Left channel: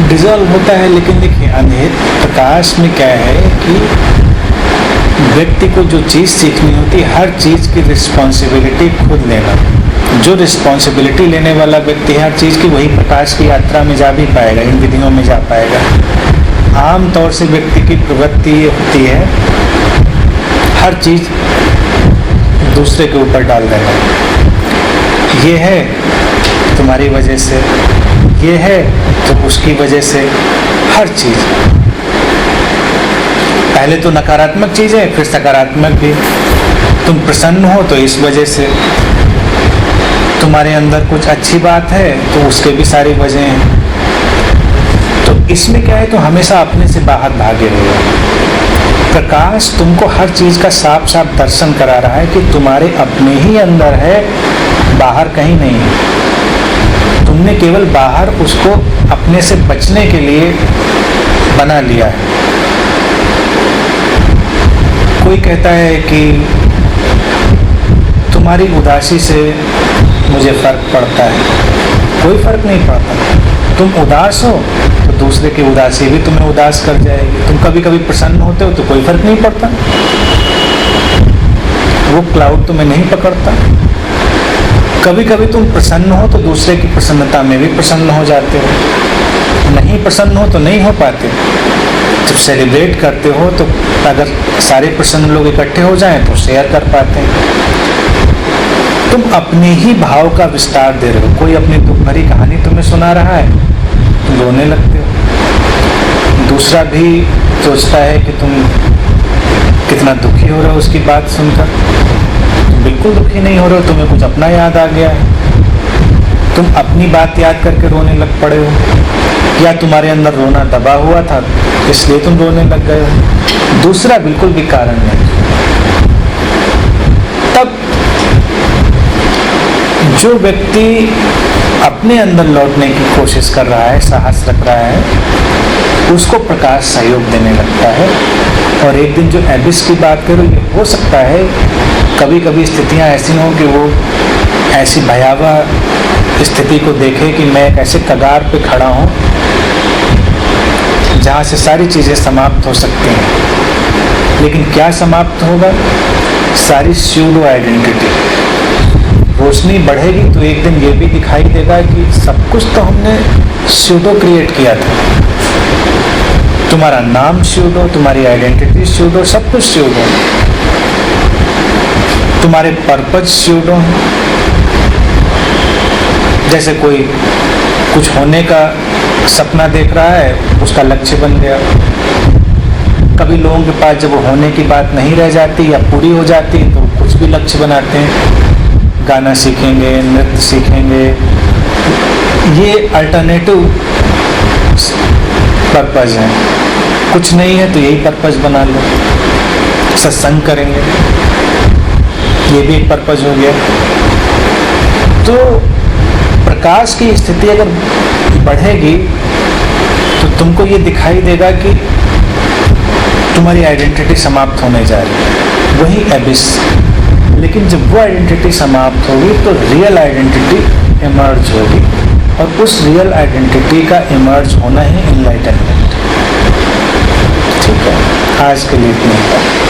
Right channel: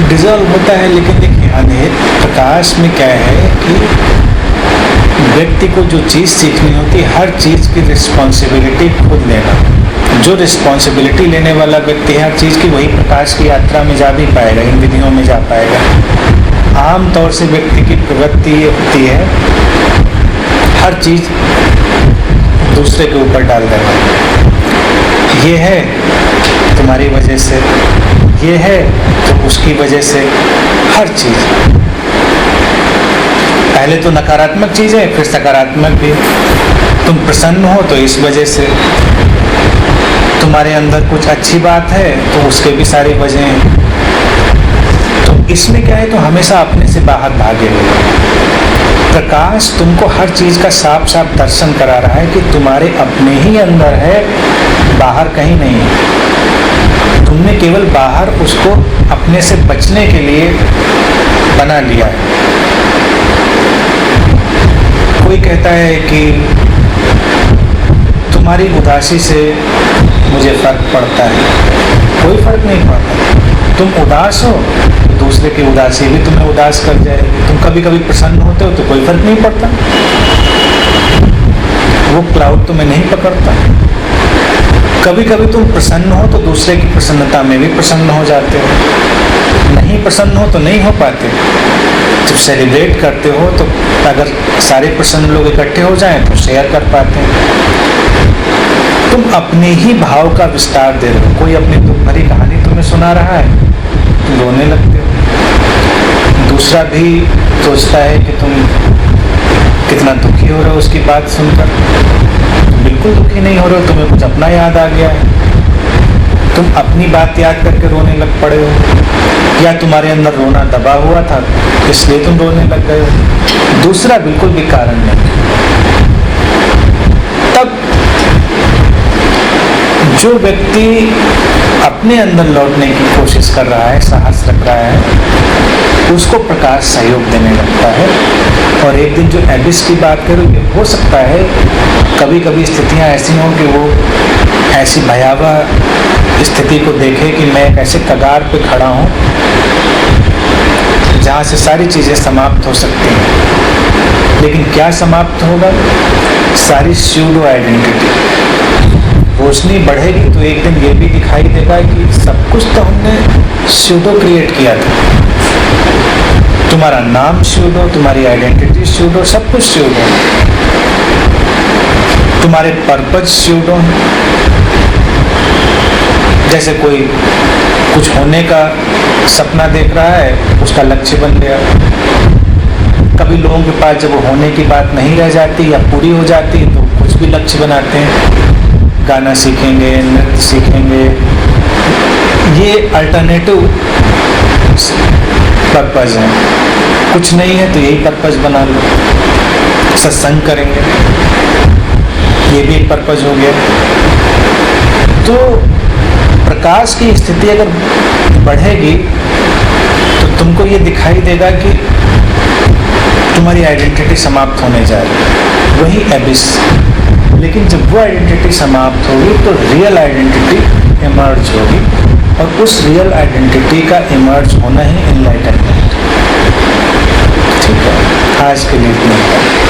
Dissolve होता है। लेकिन देखिए प्रकाश में क्या है कि व्यक्ति को जो चीज़ सीखनी होती है, हर चीज़ की रिस्पॉन्सिबिलिटी खुद लेना। जो रिस्पॉन्सिबिलिटी लेने वाला व्यक्ति है हर चीज़ की, वही प्रकाश की यात्रा में जा भी पाएगा, इन विधियों में जा पाएगा। आम तौर से व्यक्ति की प्रवृत्ति ये होती है हर चीज़ दूसरे के ऊपर डाल देना। ये है तुम्हारी वजह से, ये है तो उसकी वजह से, हर चीज़। पहले तो नकारात्मक चीज़ें, फिर सकारात्मक भी। तुम प्रसन्न हो तो इस वजह से, तुम्हारे अंदर कुछ अच्छी बात है तो उसके भी सारी वजह हैं। तो इसमें क्या है, तो हमेशा अपने से बाहर भागे हुए। प्रकाश तुमको हर चीज़ का साफ साफ दर्शन करा रहा है कि तुम्हारे अपने ही अंदर है, बाहर कहीं नहीं है। तुमने केवल बाहर उसको अपने से बचने के लिए बना लिया है। कोई कहता है कि तुम्हारी उदासी से मुझे फ़र्क पड़ता है। कोई फ़र्क नहीं पड़ता। तुम उदास हो तो दूसरे की उदासी भी तुम्हें उदास कर जाएगी। तुम कभी कभी प्रसन्न होते हो तो कोई फ़र्क नहीं पड़ता, वो क्लाउड तुम्हें नहीं पकड़ता। कभी कभी तुम प्रसन्न हो तो दूसरे की प्रसन्नता में भी प्रसन्न हो जाते हो। नहीं प्रसन्न हो तो नहीं हो पाते। जब सेलिब्रेट करते हो तो अगर सारे प्रसन्न लोग इकट्ठे हो जाएं तो शेयर कर पाते हैं। तुम अपने ही भाव का विस्तार दे रहे हो। कोई अपनी दुख भरी कहानी तुम्हें सुना रहा है, तुम रोने लगते हो। दूसरा भी सोचता है कि तुम कितना दुखी हो रहे हो उसकी बात सुनकर। तुम बिल्कुल दुखी नहीं हो रहे हो, तुम्हें कुछ अपना याद आ गया है, तुम अपनी बात याद करके रोने लग पड़े हो। या तुम्हारे अंदर रोना दबा हुआ था इसलिए तुम रोने लग गए हो। दूसरा बिल्कुल भी कारण नहीं। तब जो व्यक्ति अपने अंदर लौटने की कोशिश कर रहा है, साहस रख रहा है, उसको प्रकाश सहयोग देने लगता है। और एक दिन जो एबिस की बात करूँ, ये हो सकता है कभी कभी स्थितियाँ ऐसी हों कि वो ऐसी भयावह स्थिति को देखे कि मैं एक ऐसे कगार पे खड़ा हूँ जहाँ से सारी चीज़ें समाप्त हो सकती हैं। लेकिन क्या समाप्त होगा? सारी स्यूडो आइडेंटिटी। रोशनी बढ़ेगी तो एक दिन ये भी दिखाई देगा कि सब कुछ तो हमने स्यूडो क्रिएट किया था। तुम्हारा नाम स्यूडो, तुम्हारी आइडेंटिटी स्यूडो, सब कुछ स्यूडो। तुम्हारे पर्पज स्यूडो हैं। जैसे कोई कुछ होने का सपना देख रहा है, उसका लक्ष्य बन गया। कभी लोगों के पास जब होने की बात नहीं रह जाती या पूरी हो जाती तो कुछ भी लक्ष्य बनाते हैं। गाना सीखेंगे, नृत्य सीखेंगे, ये अल्टरनेटिव पर्पज़ है। कुछ नहीं है तो यही पर्पज़ बना लो। सत्संग करेंगे, ये भी एक पर्पज़ हो गया। तो प्रकाश की स्थिति अगर बढ़ेगी तो तुमको ये दिखाई देगा कि तुम्हारी आइडेंटिटी समाप्त होने जा रही है, वही एबिस। लेकिन जब वो आइडेंटिटी समाप्त होगी तो रियल आइडेंटिटी इमर्ज होगी, और उस रियल आइडेंटिटी का इमर्ज होना ही एनलाइटनमेंट। ठीक है, आज के लिए इतना ही।